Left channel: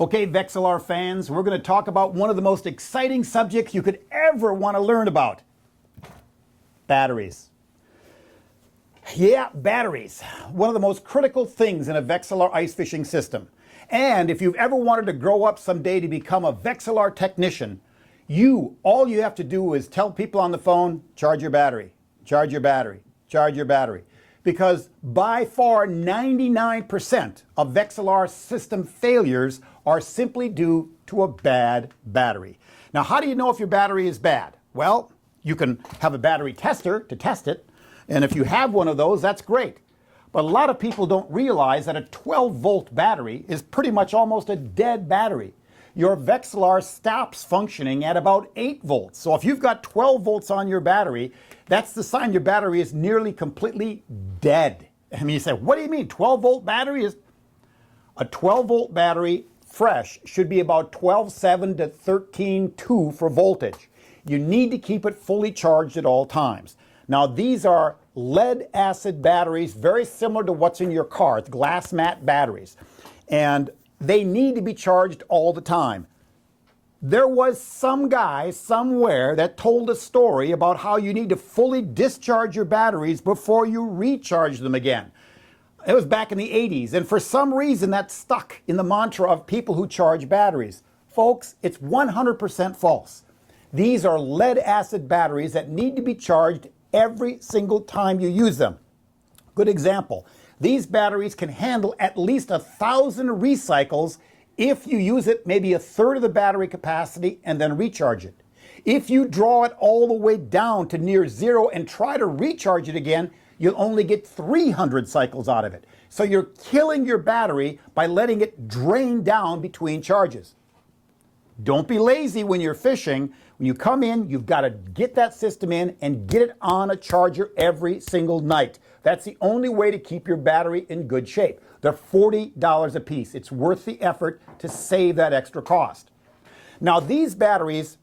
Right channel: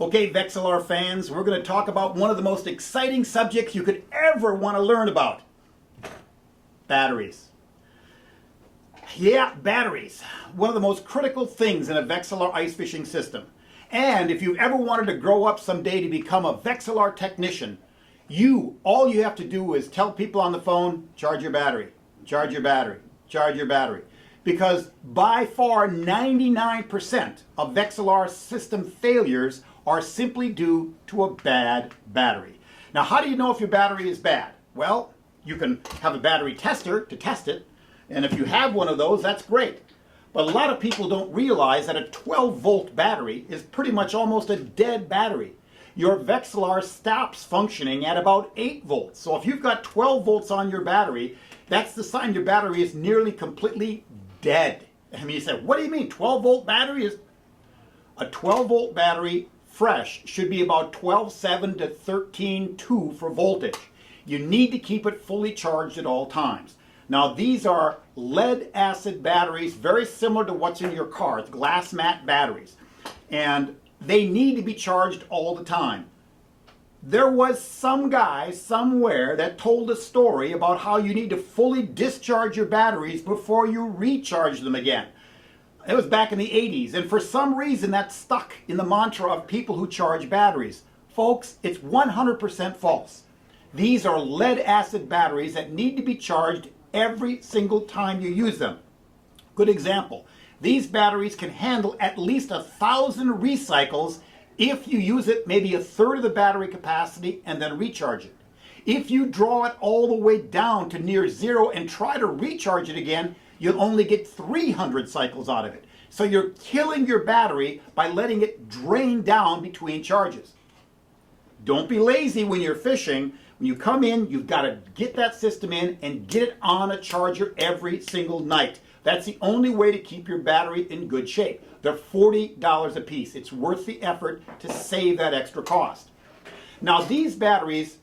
Okay, Vexilar fans, we're going to talk about one of the most exciting subjects you could ever want to learn about. Batteries. Yeah, batteries. One of the most critical things in a Vexilar ice fishing system. And if you've ever wanted to grow up someday to become a Vexilar technician, all you have to do is tell people on the phone, charge your battery, charge your battery, charge your battery. Because by far 99% of Vexilar system failures are simply due to a bad battery. Now, how do you know if your battery is bad? Well, you can have a battery tester to test it, and if you have one of those, that's great. But a lot of people don't realize that a 12-volt battery is pretty much almost a dead battery. Your Vexilar stops functioning at about 8 volts. So if you've got 12 volts on your battery, that's the sign your battery is nearly completely dead. I mean, you say, what do you mean 12-volt battery? A 12-volt battery fresh should be about 12.7 to 13.2 for voltage. You need to keep it fully charged at all times. Now, these are lead acid batteries, very similar to what's in your car. It's glass mat batteries. And they need to be charged all the time. There was some guy somewhere that told a story about how you need to fully discharge your batteries before you recharge them again. It was back in the 80s, and for some reason that stuck in the mantra of people who charge batteries. Folks, it's 100% false. These are lead acid batteries that need to be charged every single time you use them. Good example. These batteries can handle at least 1,000 recycles if you use it maybe a third of the battery capacity and then recharge it. If you draw it all the way down to near zero and try to recharge it again, you'll only get 300 cycles out of it. So you're killing your battery by letting it drain down between charges. Don't be lazy when you're fishing. When you come in, you've got to get that system in and get it on a charger every single night. That's the only way to keep your battery in good shape. They're $40 a piece. It's worth the effort to save that extra cost. Now, these batteries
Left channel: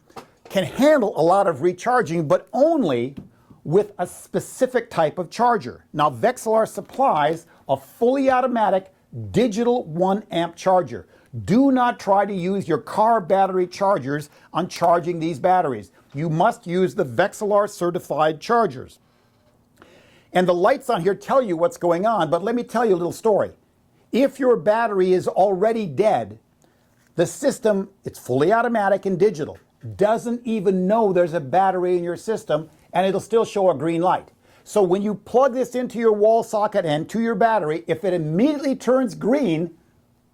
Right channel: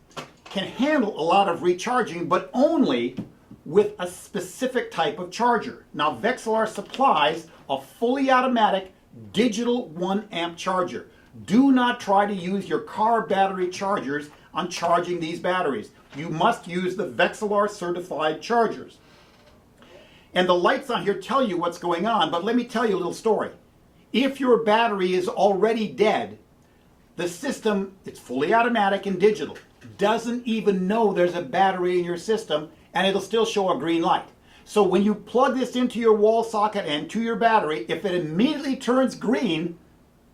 can handle a lot of recharging, but only with a specific type of charger. Now, Vexilar supplies a fully automatic digital 1 amp charger. Do not try to use your car battery chargers on charging these batteries. You must use the Vexilar certified chargers. And the lights on here tell you what's going on, but let me tell you a little story. If your battery is already dead, the system, it's fully automatic and digital, doesn't even know there's a battery in your system, and it'll still show a green light. So when you plug this into your wall socket and to your battery, if it immediately turns green,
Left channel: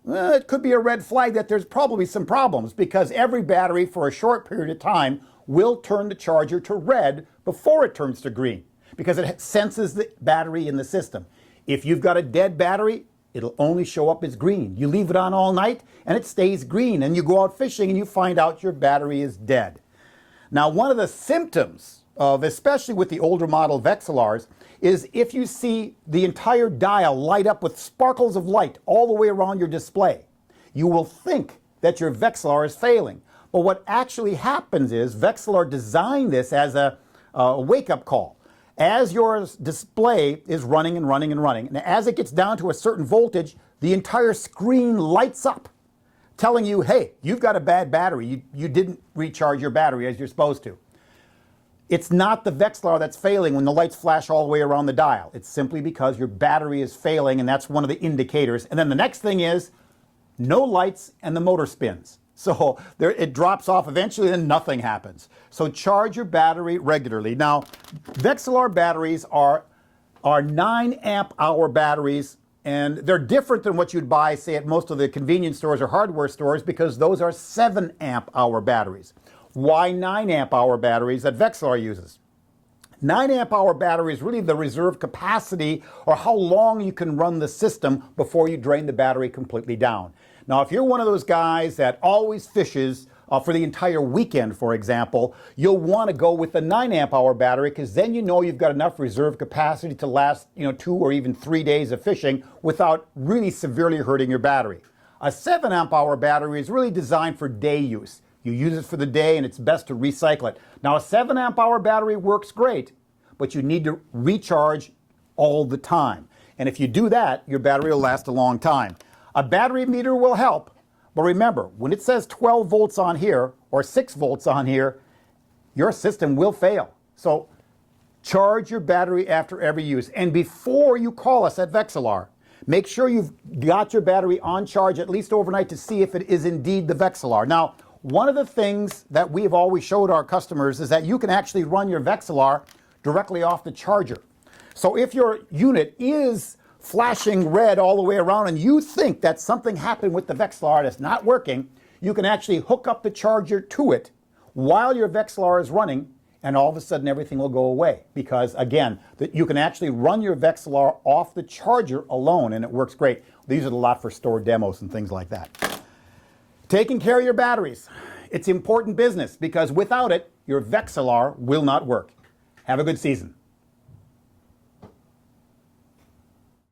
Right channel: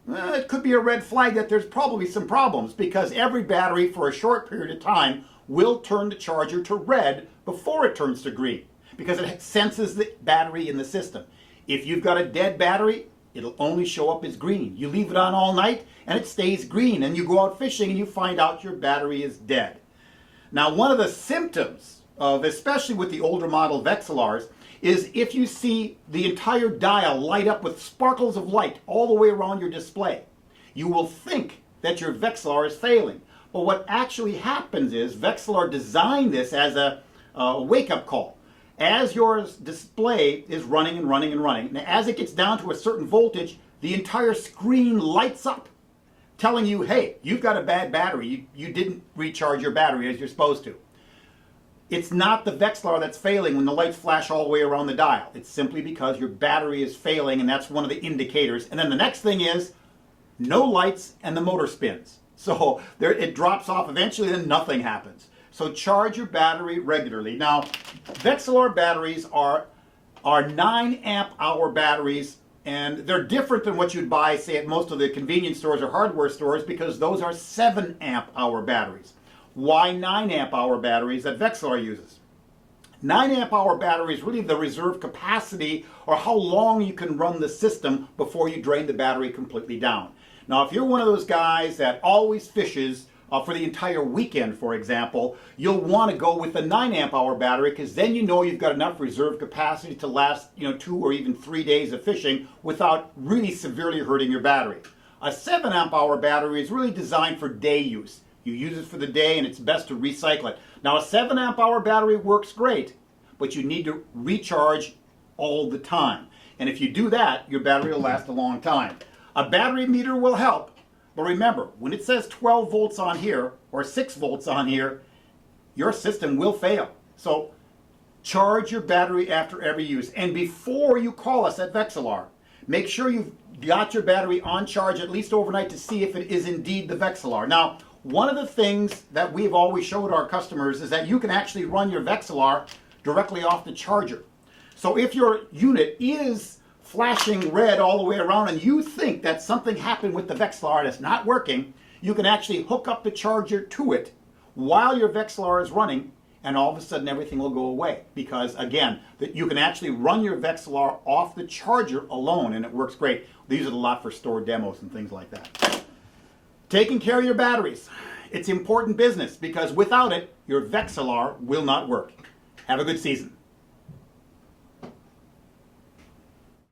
it could be a red flag that there's probably some problems, because every battery for a short period of time will turn the charger to red before it turns to green, because it senses the battery in the system. If you've got a dead battery, it'll only show up as green. You leave it on all night and it stays green, and you go out fishing and you find out your battery is dead. Now, one of the symptoms of, especially with the older model Vexilars, is if you see the entire dial light up with sparkles of light all the way around your display, you will think that your Vexilar is failing. But what actually happens is Vexilar designed this as a wake-up call. As your display is running and running and running, and as it gets down to a certain voltage, the entire screen lights up, telling you, hey, you've got a bad battery. You didn't recharge your battery as you're supposed to. It's not the Vexilar that's failing when the lights flash all the way around the dial. It's simply because your battery is failing, and that's one of the indicators. And then the next thing is no lights and the motor spins. So it drops off eventually and nothing happens. So charge your battery regularly. Now, Vexilar batteries are 9 amp hour batteries, and they're different than what you'd buy, say, at most of the convenience stores or hardware stores, because those are 7 amp hour batteries. Why 9 amp hour batteries that Vexilar uses? 9 amp hour battery is really the reserve capacity, or how long you can run the system before you drain the battery completely down. Now, if you're one of those guys that always fishes for the entire weekend, for example, you'll want to go with the 9 amp hour battery, because then you know you've got enough reserve capacity to last 2 or even 3 days of fishing without really severely hurting your battery. A 7 amp hour battery is really designed for day use. You use it for the day, and it's best to recycle it. Now, a 7 amp hour battery works great, but you need to recharge all the time. And if you do that, your battery will last a long time. A battery meter will help, But remember, when it says 12 volts on here or 6 volts on here, your system will fail. So charge your battery after every use. And before you call us at Vexilar, make sure you've got your battery on charge at least overnight to see if it is indeed the Vexilar. Now, one of the things that we've always showed our customers is that you can actually run your Vexilar directly off the charger. So if your unit is flashing red all the way around and you think that something happened with the Vexilar and it's not working, you can actually hook up the charger to it while your Vexilar is running, and all of a sudden everything will go away. Because again, you can actually run your Vexilar off the charger alone and it works great. They use it a lot for store demos and things like that. Taking care of your batteries. It's important business because without it, your Vexilar will not work. Have a good season.